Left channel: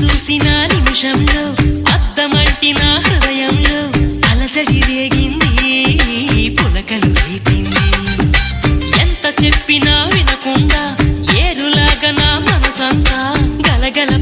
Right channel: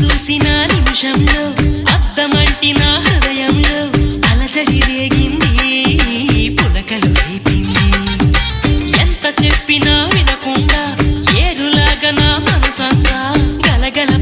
చూసిన నిమిషంలో అద్దమంటి నా హృదయంలో అలజడి రేగింది, పులకలు రేపింది. ఎంత చెప్పినా వినకుండా ఏరులాగా నా మనసంతా గలగల